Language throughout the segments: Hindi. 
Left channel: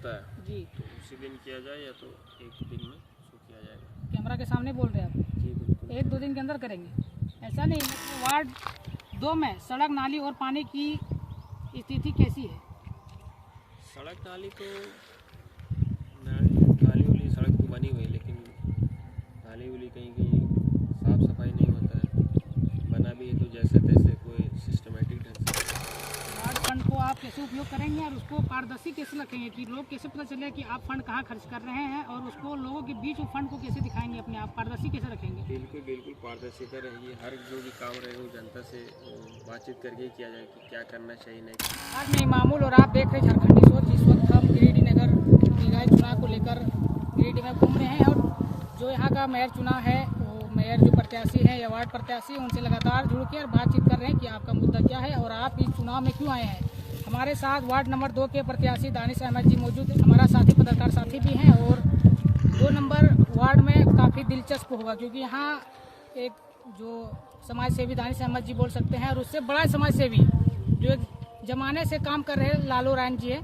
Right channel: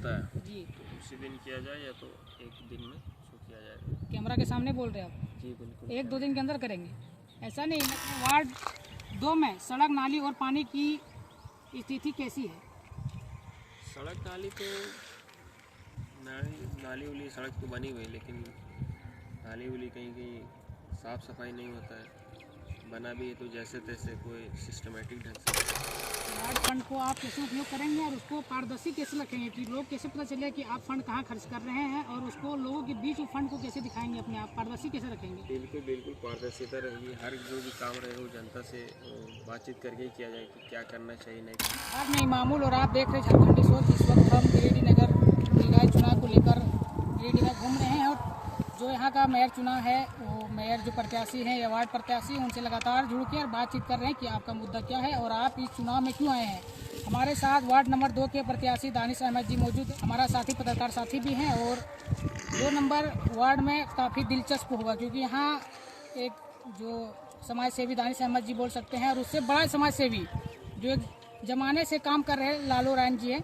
होता है जी, तो उसी दिन किया जाए या तो 1-2 दिन में उसको किया जाएगा। कैमरा के सामने बोल रहे हैं आप? जी बिल्कुल। 1-2 दिन के अंदर करेंगे? ऐसा नहीं, वार्ड 2 में सड़क, नाली और पानी की स्थिति कैसी है? सड़क नाली तो नाली वाली सड़क तो बनी हुई है, लेकिन नाली वाली कहीं कहीं साफ़ सफाई नहीं होता है, बना भी है तो जैसे तैसे कोई सिस्टमेटिक ढंग से। वार्ड फंड को आप कैसे उपयोग करेंगे और उसको पारदर्शी कैसे रखेंगे कि लोग कैसे पता चले कि आप फंड कहाँ खर्च कर रहे हैं, और उसको लोगों के बीच वो फंड को कैसे दिखाएंगे, अपने आप पारदर्शी कैसे रखेंगे? बिल्कुल बिल्कुल पारदर्शिता रहेगी। हर जो भी काम रहेगा वो जनता से बातचीत करके ही किया जाए कि क्या करना चाहिए नहीं। आज मैं मामूल और आप देख रहे हैं झारखंडी सोच। इस वक्त हम गिरिडीह नगर निकाय चुनाव को लेकर गिरिडीह में घूम रहे हैं, और जो यहाँ का मेयर चुनाव है वो मेयर जो प्रत्याशी हैं या वार्ड प्रत्याशी हैं उनसे लगातार जुड़ के और बातचीत कर रहे हैं कि आपका मुद्दा क्या है और आप इस चुनाव में क्यों आए हैं। हमारे साथ वार्ड नंबर 2 के प्रत्याशी दानिश अहमद जी मौजूद हैं। हमारा साथी पत्रकार साथी भी हैं, और 2 नंबर वार्ड में काफ़ी दिलचस्प होगा क्योंकि यहाँ एक जो समाज सेवी दानिश अहमद जी बोल सकते हैं, और उससे बड़ा समाज सेवी जो एक जमाने से काम कर रहे लालू रायन जी है,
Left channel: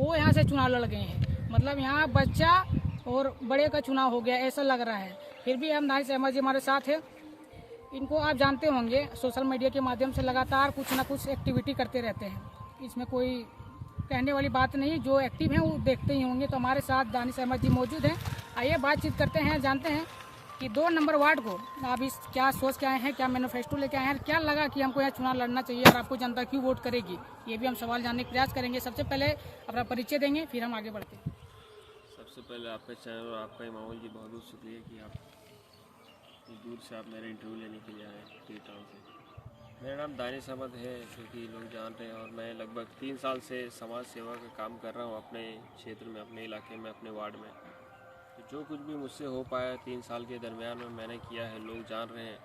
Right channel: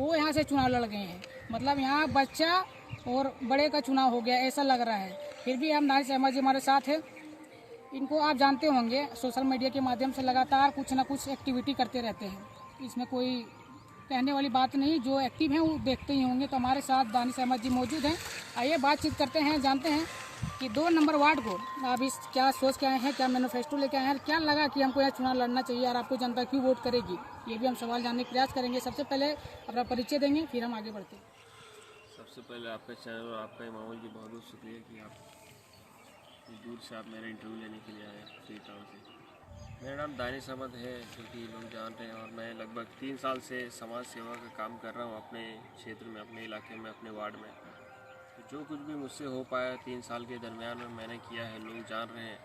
वो यहाँ से चुनाव लड़ गए हैं। मतलब यहाँ बच्चा और बड़े का चुनाव हो गया ऐसा लग रहा है। फिर भी हम दानिश अहमद जी हमारे साथ हैं। इनको आप जानते होंगे, सोशल मीडिया के माध्यम से लगातार कुछ ना कुछ एक्टिविटी करते रहते हैं। इसमें कोई कहने वाली बात नहीं, जो एक्टिव हैं वो देखते ही होंगे। तो हमारे साथ दानिश अहमद जी मौजूद हैं। आइए बातचीत करते हैं, जानते हैं कि 2 नंबर वार्ड को आप इस क्या सोच के आए हैं, क्या मैनिफेस्टो लेके आए हैं, क्या लगा कि हमको यहाँ चुनाव लड़ना चाहिए और आपको जनता क्यों वोट करेगी, ये भी हम सवाल जानने का प्रयास करेंगे। सबसे पहले अपना परिचय देंगे, फिर हम आगे बढ़ते हैं। सबसे पहले आपका चैनल और आपका मामूल जी बहुत बहुत शुक्रिया कि आप दूर से आप मेरा इंटरव्यू लेने के लिए आए फ्री टाउन से। मेरा नाम दानिश अहमद है, जो कि लोग जानते हैं, और मैं लगभग 3 साल से समाज सेवा का काम कर रहा हूँ अपने क्षेत्र में, अपने इलाके में, अपने वार्ड में। तो जो कुछ भी मुझसे हो पाया 3 साल के दरमियान में मैंने किया है, लोग जान रहे हैं,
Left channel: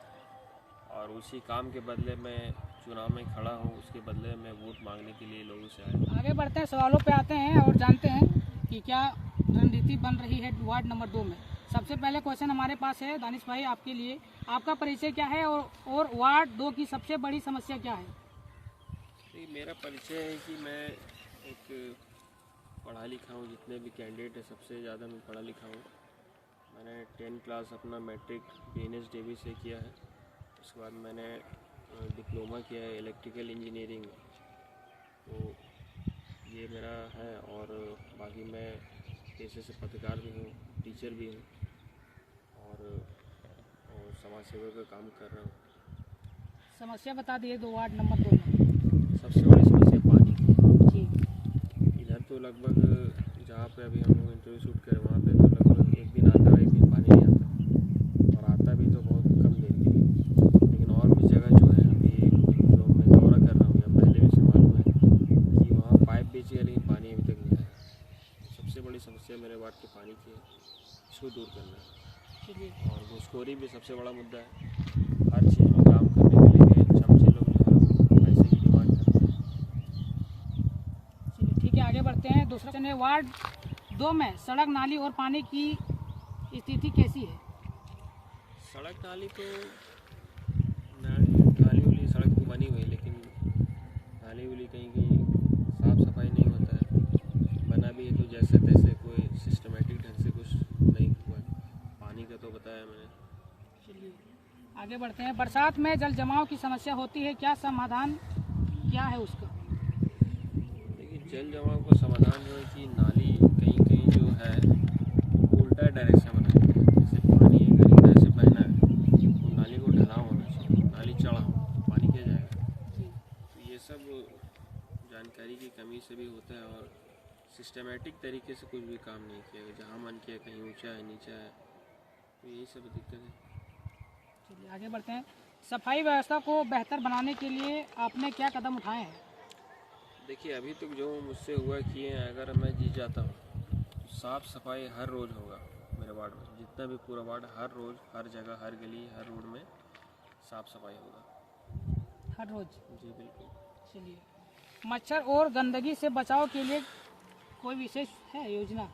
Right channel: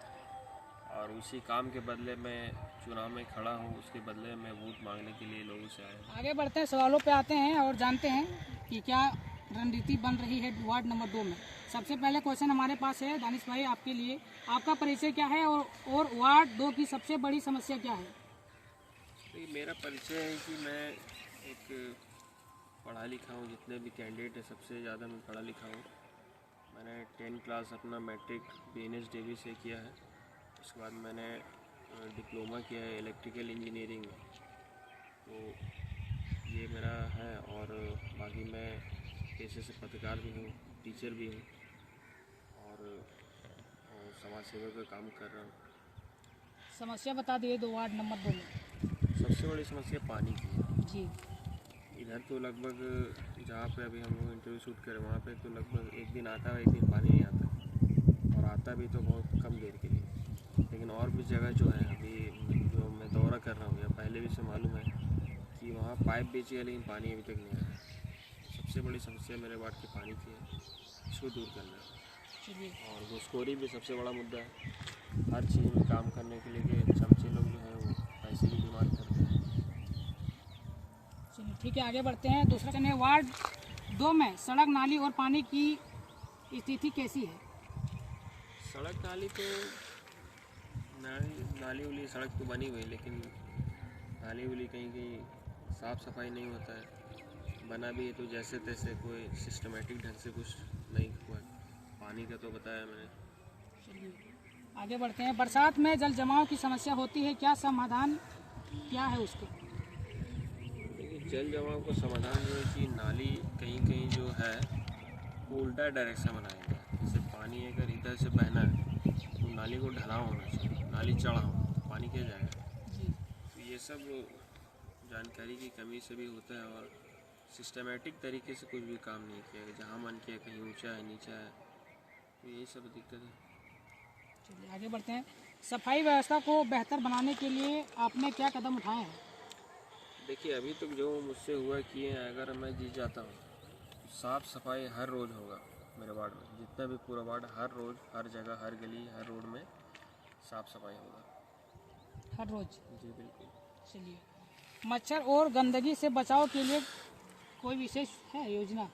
और उसी काम के बदले मैं चुनाव में खड़ा हूँ, उसके बदले मैं वोट मांगने के लिए लोगों से आया। आगे बढ़ते हैं, सवालों पे आते हैं और जानते हैं कि क्या रणनीति बन रही है वार्ड नंबर 2 में। सबसे पहले क्वेश्चन हमारे पास है दानिश भाई आपके लिए, आपका परिचय क्या है और वार्ड 2 की सबसे बड़ी समस्या क्या है? तो मेरा परिचय है कि मैं एक पढ़ा लिखा हूँ, जितने भी कैंडिडेट हैं सबसे ज़्यादा मैं पढ़ा लिखा हूँ। मैंने 10 क्लास अपना मैट्रिक BNS देवी से किया है। उसके बाद मैंने डिप्लोमा किया है इलेक्ट्रिकल इंजीनियरिंग में, तो ये मेरा है। और बाकी मैं पेशे से पत्रकार भी हूँ, टीचर भी हूँ, और समाज सेवा का काम कर रहा हूँ। समस्या बता दिए 2 वार्ड नंबर 2 में। सबसे बड़ी समस्या पानी की जी, इधर तो लगभग जहाँ पे अभी हम लोग इंटरव्यू शूट करें वहाँ पे तो लगभग एक दिन आता है, एक दिन पानी नहीं आता है, और आता भी तो बहुत कम देर के लिए। लेकिन और भी जगह जो है अभी जो मैं दौरा कर रहा हूँ या पहले भी से मालूम है कि वहाँ पाइप बेची है, लेकिन पानी अभी तक नहीं आया है। सबसे बड़ी समस्या मेरे वार्ड के पानी की है, इसको दूर करना है। और घूसखोरी भी सबसे बड़ा मुद्दा है। हर चीज़ में काम करने के लिए चमचे लोग जो है वो पैसे की डिमांड करते हैं। चलिए ठीक है, आगे बढ़ते हैं। दूसरा क्वेश्चन है, वार्ड 2 में सड़क, नाली और पानी की स्थिति कैसी है? सड़क नाली तो नाली वाली सड़क तो बनी हुई है, लेकिन नाली वाली कहीं कहीं साफ़ सफाई नहीं होता है, बना भी है तो जैसे तैसे कोई सिस्टमेटिक ढंग से कुछ नहीं हुआ है। पानी का तो बताया मैंने। चलिए आगे बढ़ते हैं। बरसात में जल जमाव की समस्या होती है, क्या समाधान क्या है उसका? लेकिन जल जमाव का समाधान जो है कि नाली कहीं कहीं जो है उल्टा डायरेक्शन बनाई है। जैसे पानी अगर इधर से बहना है तो नाली को ढलाव होना चाहिए, नाली चढ़ा हो तो पानी क्या जाएगा जी, तो ये सब जानकारी की कमी से भी होता है, और सिस्टमेटिक तरीके से कुछ भी काम नहीं किया गया। जहाँ मन किया कहीं ऊंचा है, नीचा है, तो यही सब दिक्कत है। चलिए आगे बढ़ते हैं। सफाई व्यवस्था को बेहतर बनाने के लिए आपने क्या कदम उठाए हैं? देखिए अभी तक जो मुझसे हुआ किए हैं, अगर मैं जीत जाता हूँ तो साफ़ सफाई हर रोज़ होगा मेरे वार्ड में। जितना भी पूरा वार्ड, हर रोज़, हर जगह, हर गली, हर रोड में साफ़ सफाई होगा हर रोज? जी बिल्कुल। चलिए, मच्छर और गंदगी से बचाव के लिए कोई विशेष है योजना?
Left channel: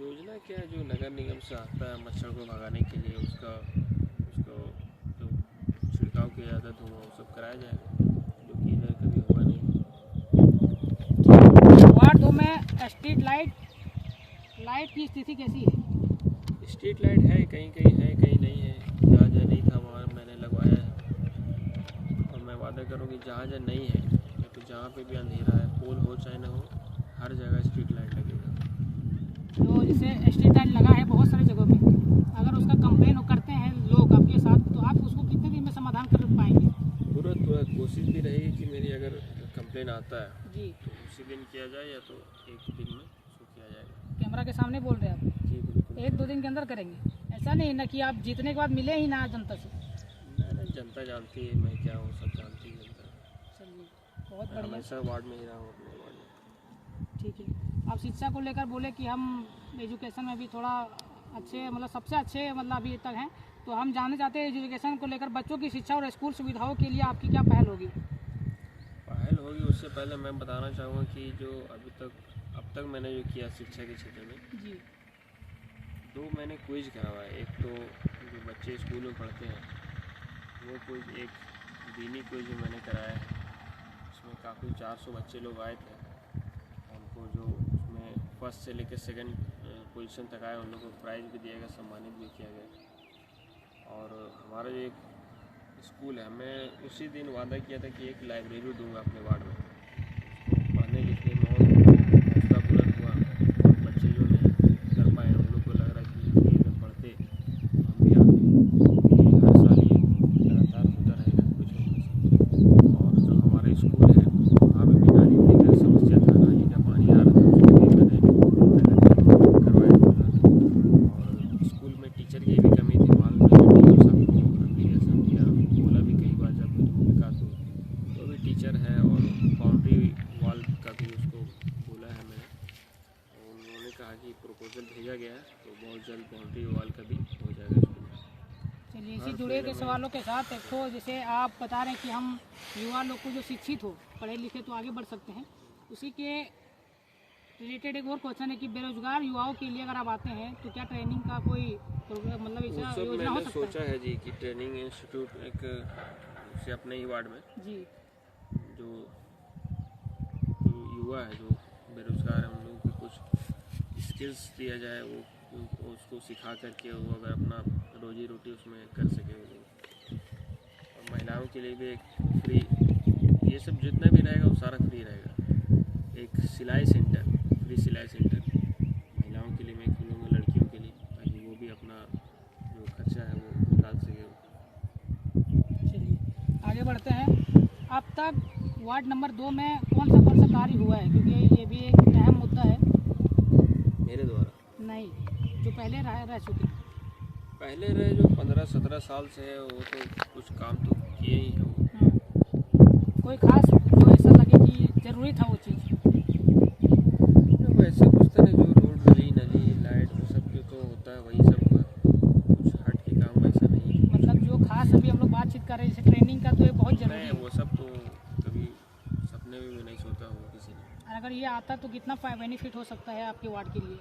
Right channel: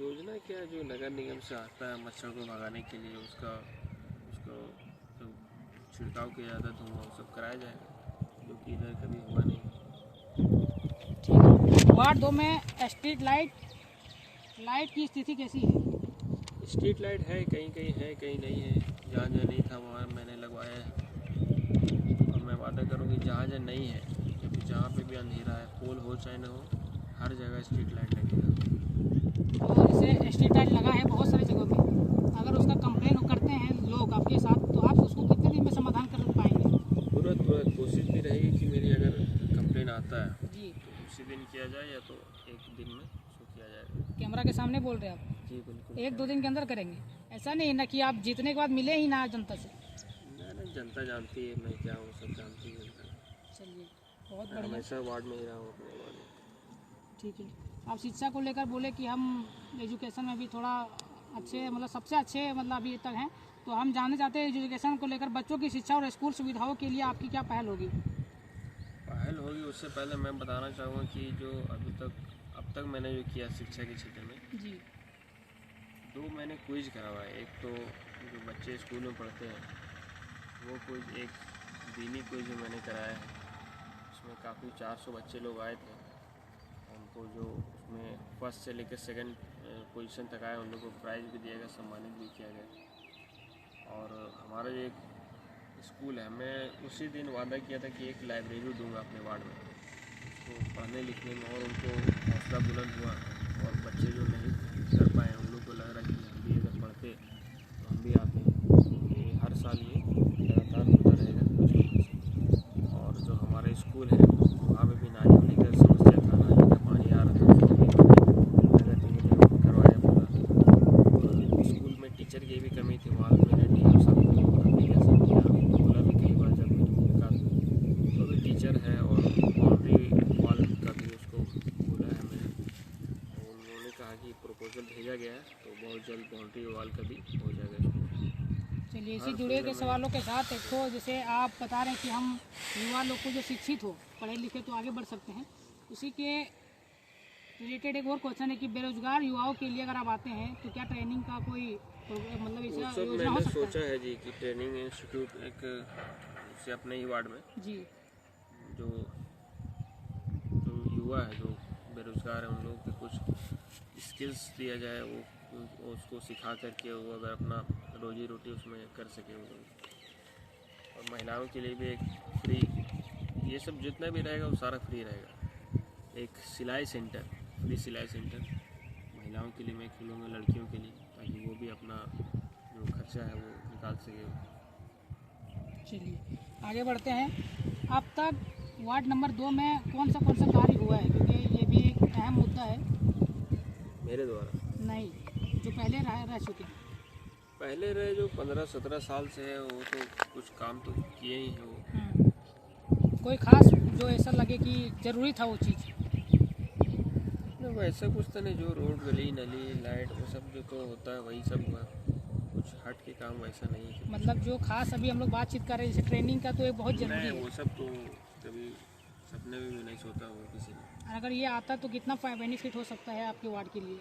योजना क्या है, जो नगर निगम से आता है मच्छर को भगाने के लिए, उसको जो छिड़काव किया जाता है धुआं वो सब कराया जाएगा, जो कि इधर कभी हुआ नहीं। वार्ड 2 में स्ट्रीट लाइट लाइट की स्थिति कैसी है? स्ट्रीट लाइट है, कहीं कहीं है कहीं नहीं है। जहाँ जहाँ नहीं था वहाँ मैंने लगवाया है, और मैं वादा करूँ कि जहाँ जहाँ नहीं है या फिर जहाँ पे भी अंधेरा है, पोल हो चाहे ना हो, हर जगह स्ट्रीट लाइट लगेगा। तो जैसे स्ट्रीट लाइट लगा है बहुत सारी जगहों पे, अगर उसका कंप्लेन करते हैं लोग आपके साथ, तो आप उसको कितने दिन में समाधान कर पाएंगे? तुरंत कोशिश भी रहेगी कि मेरी अगर कंप्लेन आता है जी, तो उसी दिन किया जाए, या तो एक दिन में उसको किया जाएगा। कैमरा के सामने बोल रहे हैं आप? जी बिल्कुल। 1-2 दिन के अंदर करेंगे? ऐसा नहीं ना कि आप जीतने के बाद मिले ही ना जनता से? ना, जनता जानती है मैं क्या हूँ, सब जानती है जनता। चलिए, बहुत मैं बढ़िया, हमेशा वार्ड में ही रहा हूँ, अपने वार्ड में। ठीक है। आप शिक्षा को लेकर बोले कि हम एजुकेशन में भी थोड़ा अच्छे, मतलब सबसे अच्छे मतलब अभी तक हैं, तो हम जानना चाहते हैं एजुकेशन को लेकर बच्चों की शिक्षा और स्कूल सुविधाओं के लिए आपकी क्या पहल होगी? पहल होगी, उससे पहले मैं बताना चाहूँगा कि जो अब तक मैंने जो किया शिक्षा के क्षेत्र में, जी, 2 मैंने क्विज करवाए। एक तो जो बच्चे स्कूल में पढ़ते हैं वो क्विज, एक दीनी क्विज जो मैंने कराया है, उसमें काफ़ी 400 बच्चे लोग आए थे। उनको जो उसमें फर्स्ट से लेकर सेकंड पोजीशन तक आए, उन लोगों को प्राइज़ भी दिया गया, सम्मानित भी किया गया। और हमारा जो एक स्कूल है, मैं उसी दिन वादा किया था कि एक लाइब्रेरी दूंगा अपने वार्ड में, उसको पढ़ने लिखने में और उनको हौसला बुलंद हुआ। और बच्चे जो नहीं कर पाए उन लोग को लग रहा है कि हम भी अगर पढ़ते तो हम भी आते। क्योंकि हर साल ये लगातार होता रहेगा कुछ न कुछ। और जो हमारा स्कूल है वहाँ पे भी नाली वाली का समस्या था, नाली का पानी आ रहा था, उसको भी मैंने करवाया पूरा। और स्कूल में टीचर की भी कमी थी, वहाँ मैंने टीचर सबको एप्लीकेशन दिया, बोला भी कई बार जब मेरी मुलाकात हुई, तो अभी टीचर है। और बाउंड्री वॉल का भी उसको बोला है मैंने, और उन्होंने कहा कि प्रपोजल भेजा गया है, तो बहुत जल्द बाउंड्री वॉल का भी हो जाएगा स्कूल। चलिए, इसी जुड़े के सवालों के साथ एक तो जैसे आप बता रहे हैं कि हम युवा लोग को जो शिक्षित हो, पढ़े लिखे तो आगे बढ़ सकते हैं, उसी के रिलेटेड एक और क्वेश्चन है कि बेरोजगार युवाओं के लिए अगर आप आते हैं तो क्या ट्रेनिंग का कोई प्रोग्राम, मतलब वो ऐसा सब योजना हो मैंने सकता सोचा है? है जी कि ट्रेनिंग इंस्टीट्यूट एक से अपने ही वार्ड में जी, जो जो युवा है, जो बेरोजगार है, उन लोगों को कुछ स्किल्स दिया जाए, वो उसको सिखा करके वो अगर अपना रोजी रोटी उसमें कर सके वो लोग। और महिलाओं के लिए भी एक फ्री, ये सब जितना भी रहेगा वो सारा फ्री रहेगा। एक सिलाई सेंटर, फ्री सिलाई सेंटर महिलाओं के लिए मैं खोलूँगा, लड़कियों के लिए, ताकि वो भी अपना जो खर्चा है वो निकाल सके। चलिए आगे बढ़ते हैं। अब तक वार्ड नंबर 2 में कौन सा कार्य हुआ है, क्योंकि ये भी एक अहम मुद्दा है। मेरे द्वारा नहीं, जो पहले रह चुके हैं। पहले रहे जो 15-17 साल से है, वो तो कुछ काम तो किए ही हैं वो। कोई खास जो ऐसा लगे कि ज़रूरी था वो चीज़? वैसे कुछ तो नहीं, जो रोड गली नली लाइट वो सब जो तो होता है वही सब हुआ, कुछ हट के काम वैसा नहीं है। मतलब जो खास अभी हम लोग बातचीत कर रहे हैं, जैसे ट्रेनिंग का, तो ये बहुत ज़रूरी नहीं, है। वो सब तो कभी सपने में भी नहीं सोचा हो किसी ने। अगर ये आता तो कितना बेनिफिट हो सकता है आपके वार्ड के लिए?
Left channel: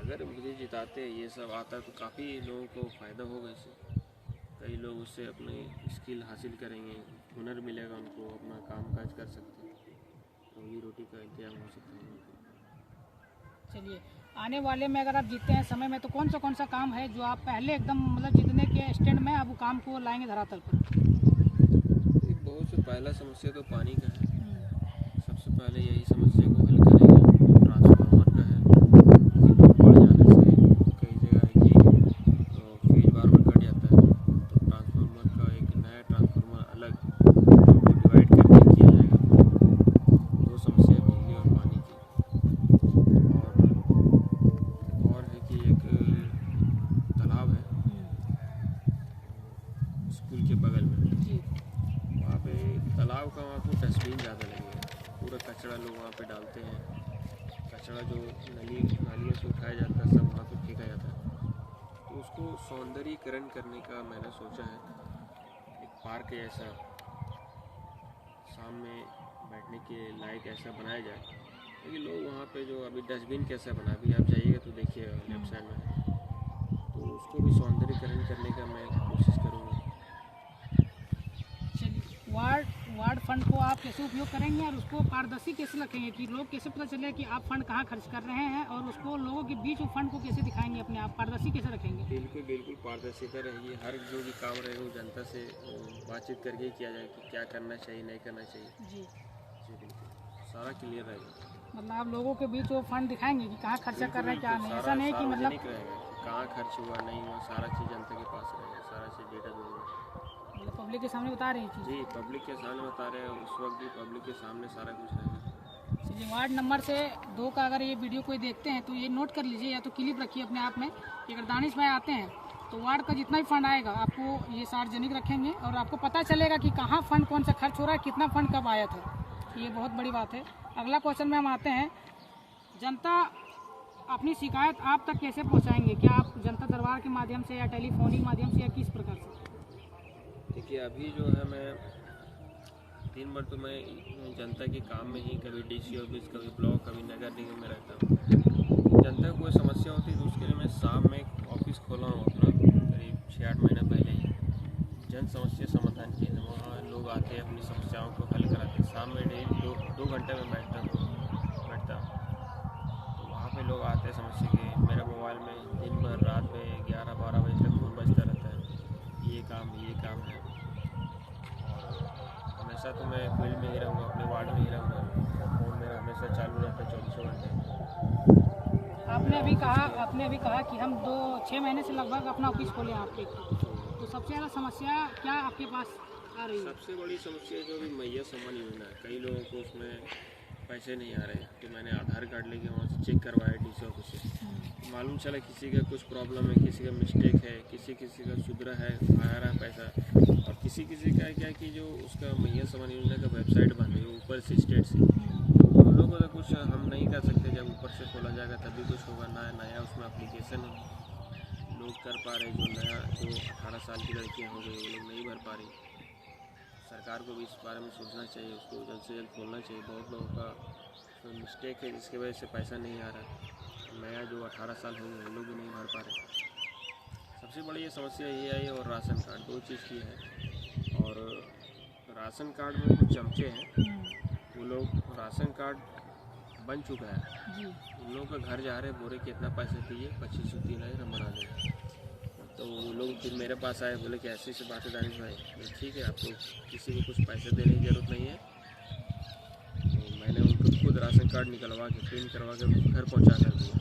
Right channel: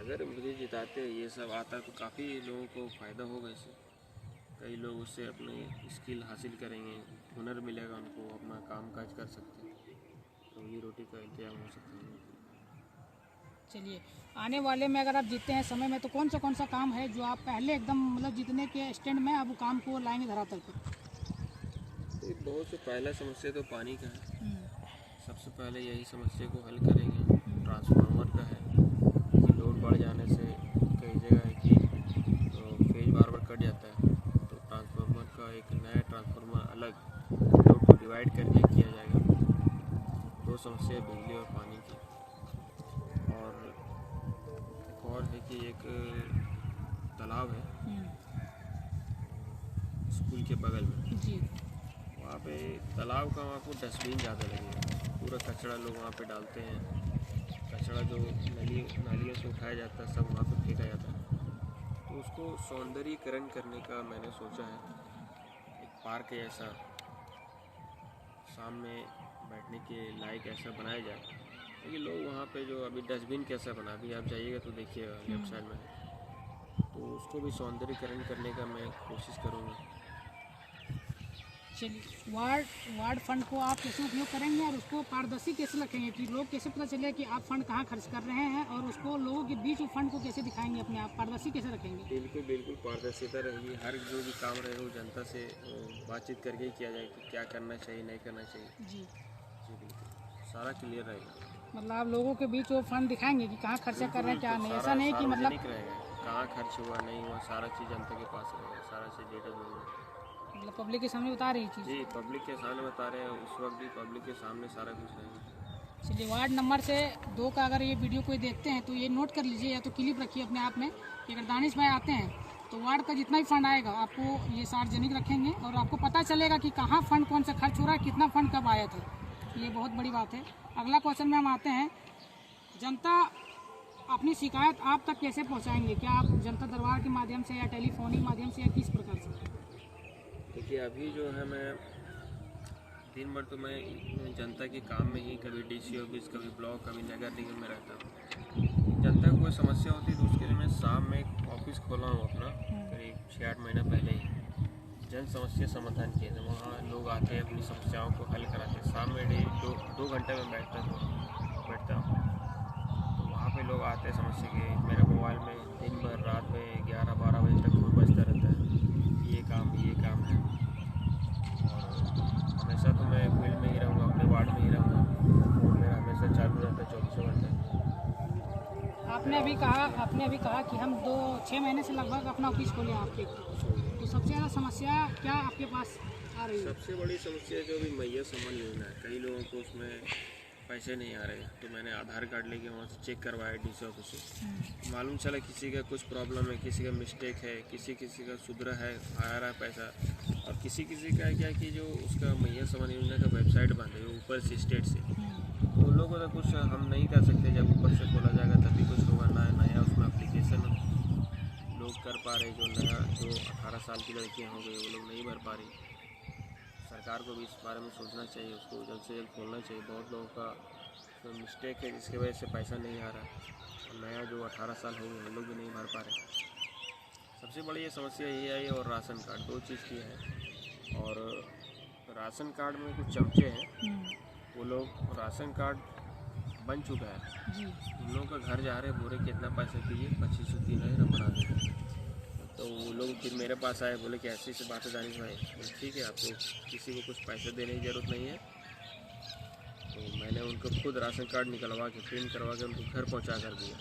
अगर मुझे जिताते ये सब आता तो काफ़ी लोगों को फ़ायदा होगा इससे। कई लोग उससे अपने स्किल हासिल करेंगे, हुनर मिलेगा उनको, अपना काम काज कर सकते हैं, रोजी रोटी का इंतजाम हो सकता है उनके लिए। चलिए, आने वाले में अगर आप जीतते हैं समय में, तो कौन सा काम है जो आप पहले एकदम मतलब जीतने के स्टैंड में अब वो काम को लाएंगे धरातल पर? बहुत से पहला समस्या तो पानी का है, सबसे पहले यही समस्या को हल करेंगे। ट्रांसफार्मर का है कि लोड बढ़ जाने से कई जगह है कि फेज बार बार कट जाता है, तो ट्रांसफार्मर का एक नया ट्रांसफार्मर अलग लोड को डिवाइड करके किया जाएगा। 2 समस्या बिजली और पानी की। और एक और है कि एक तालाब है स्कूल के बगल में, जी, वहाँ पे तालाब का वहाँ को डस्टबिन ज़्यादा लगेगा, पूरा कचरा लोग वहाँ पे डालते हैं। कचरा जो नालियों से उठाया जाता है सब वहाँ पे फेंका जाता है, तो उसको सौंदर्यीकरण करने का मैंने सोचा है। एक पार्क जैसा शाम में बैठने के लायक ऐसा बनाया जाए, क्योंकि लोग वहाँ पे जो अभी डस्टबिन कैसा बना, अभी आप जाइएगा तो देखिएगा लेफ्ट साइड में, तो उसको भी सौंदर्यीकरण करने का मैं कोशिश करूँगा। चलिए, वार्ड फंड को आप कैसे उपयोग करेंगे और उसको पारदर्शी कैसे रखेंगे कि लोग कैसे पता चले कि आप फंड कहाँ खर्च कर रहे हैं, और उसको लोगों के बीच वो फंड को कैसे दिखाएंगे, अपने आप पारदर्शी कैसे रखेंगे? बिल्कुल बिल्कुल पारदर्शिता रहेगी। हर जो भी काम रहेगा वो जनता से बातचीत करके ही किया जाए कि क्या करना चाहिए नहीं करना चाहिए। जी जी बिल्कुल सारा क्लियर रहेगा। मतलब आप लोगों के बीच वो फंड दिखाएंगे कि कहाँ खर्चा कर रहे हैं क्या नहीं, ऐसा नहीं कि मतलब सार्वजनिक रहेगा, कहाँ खर्च हुआ नहीं हुआ सारा चीज़ जनता के पास रहेगा, सारा चीज़ डेटा जो है पब्लिक के सामने बता रही चीज़। जी पब्लिक के सामने बता रहे हैं, उस वक्त भी पब्लिक के सामने सारा कुछ रहेगा। चलिए, वार्ड नंबर से 2 का अगर ये वीडियो कोई देखते हैं तो ये नोट कर लीजिए या तो क्लिप रखिए अपने आप में कि अगर दानिश भाई आते हैं तो वार्ड का जितना भी फंड आएगा आपको ये सार्वजनिक रखेंगे और आपको पता चलेगा कि कहाँ फंड कौन सा खर्च हो रहा है, कितना फंड कब आया था। ये बहुत बड़ी बात है। अगला क्वेश्चन में हम आते हैं, जनता अपनी शिकायत आप तक कैसे पहुंचाएंगे? क्या आप जनता दरबार के माध्यम से या टेलीफोनिक माध्यम से या किस प्रकार से? देखिए अभी जो है मैं दिन भर तो मैं जनता के काम में ही कभी डीसी ऑफिस, कभी ब्लॉक, कभी नगर निगम में रहता हूँ। जनता को कोई समस्या होती है तो उसके लिए मैं शाम में एक ऑफिस खोला हूँ अपना, करीब 6-8 महीना पहले ही, जन समस्या समाधान केंद्र। वहाँ लोग आते हैं अपनी समस्याओं को हल कराते हैं। शाम में डेली 2 घंटे में बैठता हूँ तो वहाँ पे लोग आते हैं समस्या के। मेरे मोबाइल में दिन भर रात में 11-12 बजे तक फ़ोन बजता रहता है, ये काम है। और हमेशा तो मैं फील्ड में ही रहूँगा, अपने वार्ड में ही रहूँगा, फ़ोन मेरा हमेशा चालू रहता है 24 घंटे। आपने अभी कहा कि हम 6 महीने से लगभग अपना ऑफिस खोले हैं आपके, तो सबसे ज़्यादा समस्या क्या आपके पास आ रही है? सबसे बड़ी समस्या जो भी मैया सम्मान योजना है, कई लोगों को उसमें पैसे नहीं आ रहे, तो मैंने आधार कार्ड लेके वहाँ से चेक करवाया डीसी ऑफिस से। मालूम चला किसी का कुछ प्रॉब्लम है, किसी का मिस्टेक है, किसी का सुधरा है, आ रहा है पैसा, और किसी का है क्या कि जो उसका मैया सम्मान योजना का वेबसाइट बंद है ऊपर से स्टेट से, उन लोगों का कुछ हम नहीं कर सकते। जब ऊपर से खोला जाएगा तभी कुछ होगा। नया उसमें एप्लीकेशन लोग कर पा रहे, जो 18 साल की लड़कियाँ हो गई वो लोग नहीं भर पा रही। सरकार को भी इस बारे में सोचना चाहिए, उसको जल्द से जल्द खोलना चाहिए। बहुत लोगों का तो मिस्टेक है जिसकी वजह से पैसा नहीं आ रहा है, और नया जो 18 साल हो गए वो लोग भी नहीं भर पा रहे। सबसे बड़ी ये समस्या ये आई। और राशन कार्ड 2 चीज़ की है। और राशन कार्ड में कुछ चमचे हैं, वो लोग राशन कार्ड बन चुका है जी। उन लोगों का घर जा रहे बोले कितना पैसे चाहिए, 2503 हम बना देंगे। तो वो लोग फिर मेरे पास आए, बोले कि ऐसी से बात है दानिश भाई। बोले ठीक है, आपको किसी को कुछ पैसे देने की ज़रूरत नहीं है। तो मैंने उनको खुद राशन कार्ड निकलवा के प्रिंट करवा के उनको घर पहुंचा कर दिया।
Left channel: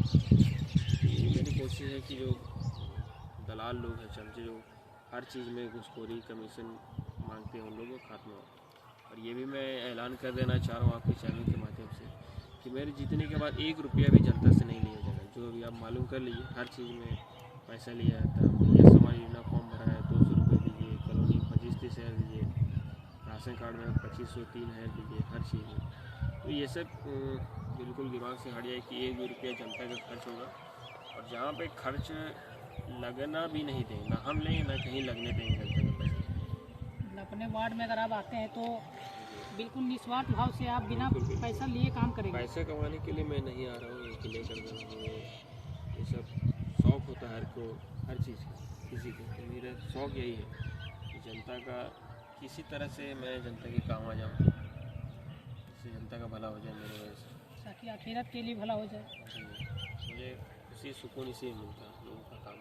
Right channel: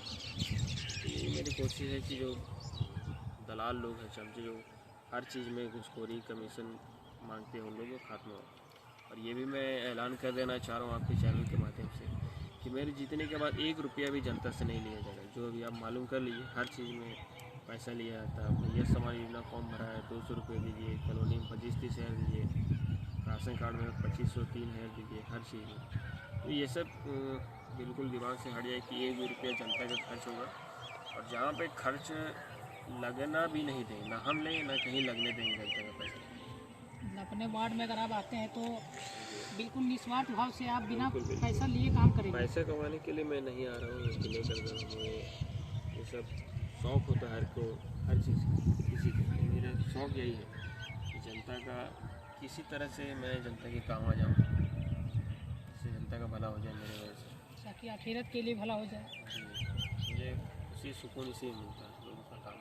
ये मेरी कोशिश है कि जो दलाल लोग हैं, चमचे जो हर चीज़ में घूसखोरी कमीशन मांगते हैं, उन लोगों को खात्मा हो। और ये भी मैं ऐलान कर देना चाह रहा हूँ आपके चैनल के माध्यम से कि मेरे जीतने के बाद 1 रुपया भी जनता से नहीं लिया जाएगा। जो अभी आप मालूम कर लीजिए, हर चीज़ में पैसा लिया जाता है। मैया सम्मान योजना फॉर्म भरा है, 200 रुपये दीजिए, कॉलोनी में 25-30 हज़ार दीजिए, राशन कार्ड में 2503 हज़ार दीजिए, हर चीज़ में। तो ये सब बिल्कुल दिमाग से हट जाए कि 1 भी रुपया जनता का खर्च होगा। और जहाँ पे खर्च लगना भी नहीं देंगे, ना हम लेंगे ना कहीं लगने देंगे जनता का पैसा। अपने वार्ड में अगर आप आते हैं तो बिल्कुल निस्वार्थ भाव से आप बिना पैसा लिए काम करेंगे। पैसा कमाने के लिए मैं नहीं आ रहा हूँ, ये क्लियर कर दे रहा हूँ। ये सब शौक़ होता है हर को, हर चीज़ किसी को। तो मेरा शौक़ यही है कि जनता का किसी तरह से मैं जनता के काम आ जाऊँ, जिससे जनता का भला हो जाए मेरे वजह से, ताकि आखिरत के लिए भला हो जाए। मुझे खुशी सुकून इसी में मिलता है, लोगों का काम।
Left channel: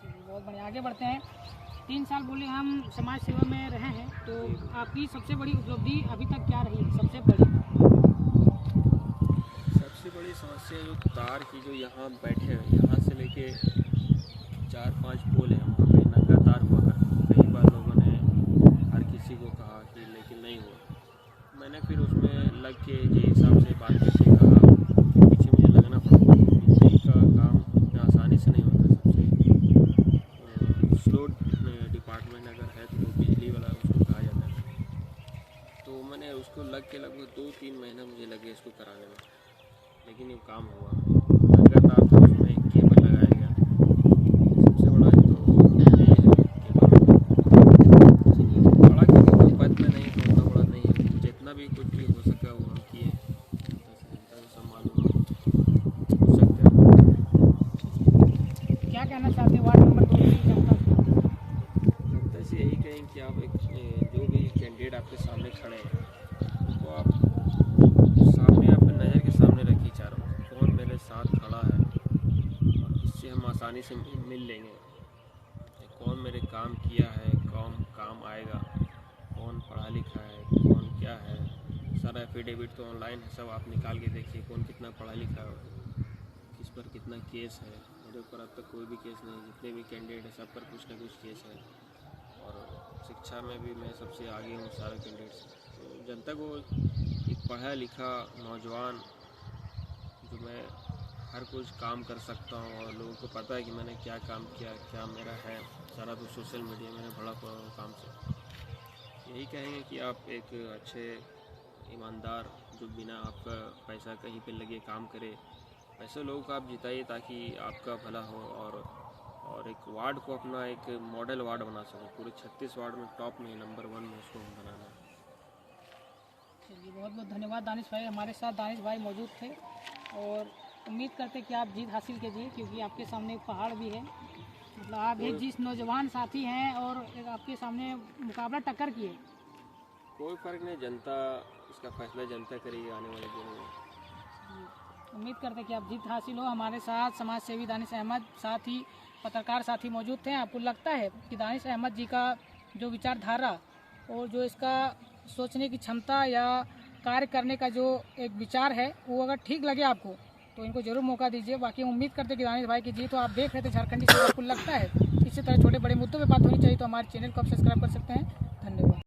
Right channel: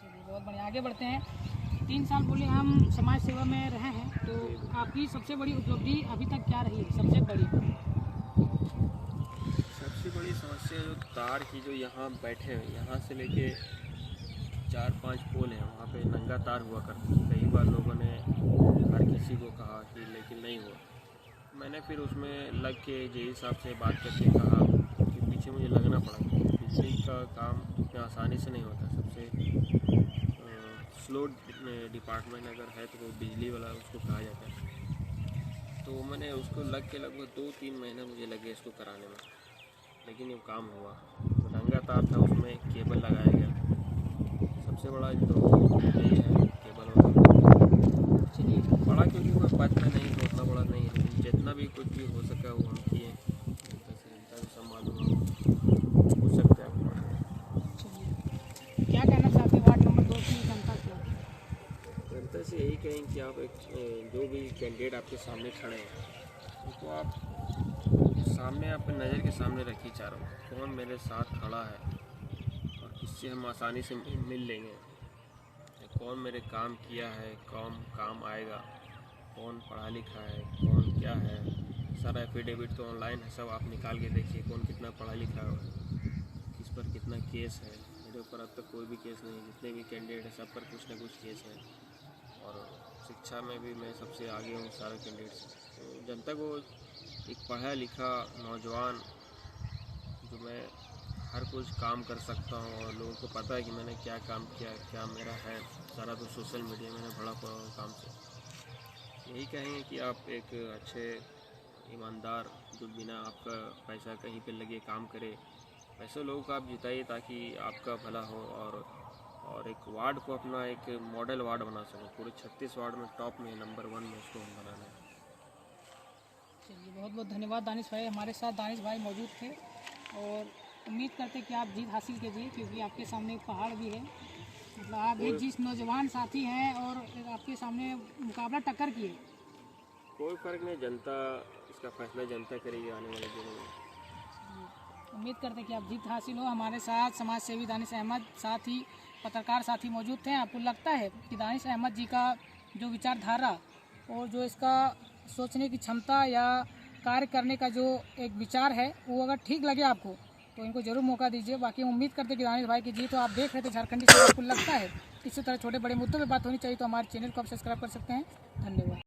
चलिए, बहुत बढ़िया, आगे बढ़ते हैं। 3 साल बोले हम समाज सेवा में रहे हैं, तो आपकी सबसे बड़ी उपलब्धि अभी तक क्या रही है? सबसे बड़ी समस्या जो तार की, जो यहाँ बैठे हैं, यहाँ से लेके 4-5 पोल है, वहाँ पे नंगा तार हुआ करता। कई बार लोगों ने हर किसी को कहा कि, लेकिन नहीं हुआ। मैंने फिर उसमें लग के जे हिसाब से बात करके कहा, पीछे मुझे लगना पड़ा। बिजली का काम इतना आसानी से नहीं होता। सबसे स्लो डिपार्टमेंट अगर है तो वो बिजली वाला उसको कहा जाता है। तो मैंने उसको लग के लगभग 2-3 महीना मुझे लगे इसको कराने में, लेकिन ये काम हुआ। नंगा तार था, उसमें केबल लगाया गया। सबसे बड़ा तो यही है, केबल बड़ा, क्योंकि कोई पद में नहीं तो उतना बड़ा नहीं है। जितना भी कुछ भी हो सका वो हम किए। जनता को सब मालूम हो सकता है। क्या कहना चाहते हैं वार्ड नंबर 2 की जनता से यही कहें कि आप एक जो भी कैंडिडेट आपके सामने खड़े हैं उनको आप सामने अपने नज़र के सामने रखिए चारों, कौन मेरे साथ खड़ा है और किससे हम आसानी से मिल लेंगे, कौन मेरे काम किया है, कौन काम आएगा, कौन पढ़ा लिखा है, कौन क्या है। सारा एफिडेविट तो ऑनलाइन है, सब आप निकाल के देखिए कौन कितना पढ़ा लिखा है, किस पर कितना केस है। मेरे ऊपर अब तक कोई भी केस नहीं, जितने भी कैंडिडेट हैं सब पर कुछ ना कुछ केस है और शिक्षा में भी मैं सबसे आगे हूँ सारे कैंडिडेट से। तो जनता को एक पढ़ा लिखा नौजवान जो मैं हर कुछ काम कर सकता हूँ और लोगों को पता है कि मैंने क्या काम किया, क्या मेरा है, सारा तो सोशल मीडिया मैंने भरा पड़ा हूँ काम से। यही कहेंगे कि आप एक अच्छे ईमानदार जो बिना आपका पैसा कहीं पे लगे काम करे, पैसे लोगों को आप जिताइए ताकि आपका भला हो और एक वार्ड को अपना एक मॉडल वार्ड बना सको। पूरे 36 वार्ड में टॉप में नंबर 1 में उसको बनाना है। चलिए, बहुत बहुत धन्यवाद दानिश भाई। हमारे साथ दानिश भाई मौजूद थे और उम्मीद करते कि आप जीत हासिल कीजिए, क्योंकि आपके सामने एक पहाड़ भी है। मतलब आप एक जिस नौजवान साथी हैं और एक आपके सामने मुकाबला टक्कर की है। कोई फ़र्क नहीं, जनता इसका फैसला जनता करेगी आने वाले दिनों में। उम्मीद करते हैं कि आप जीत हासिल हो। हमारे साथ समाज सेवी दानिश अहमद, साथ ही पत्रकार साथी मौजूद थे। आपको लगता है कि दानिश अहमद जी का जो विचारधारा और जो इसका सोचने की क्षमता या कार्य करने का जो एक विचार है वो अगर ठीक लगे आपको तो इनको जरूर मौका दीजिए। बाकी उम्मीद करते हैं कि दानिश भाई की जीत हो। आप देख रहे थे झारखंडी से, आपको लगता है इसी तरह छोटे बड़े मुद्दों पे बात होनी चाहिए तो हमारे चैनल को आप सब्सक्राइब कर सकते हैं। धन्यवाद।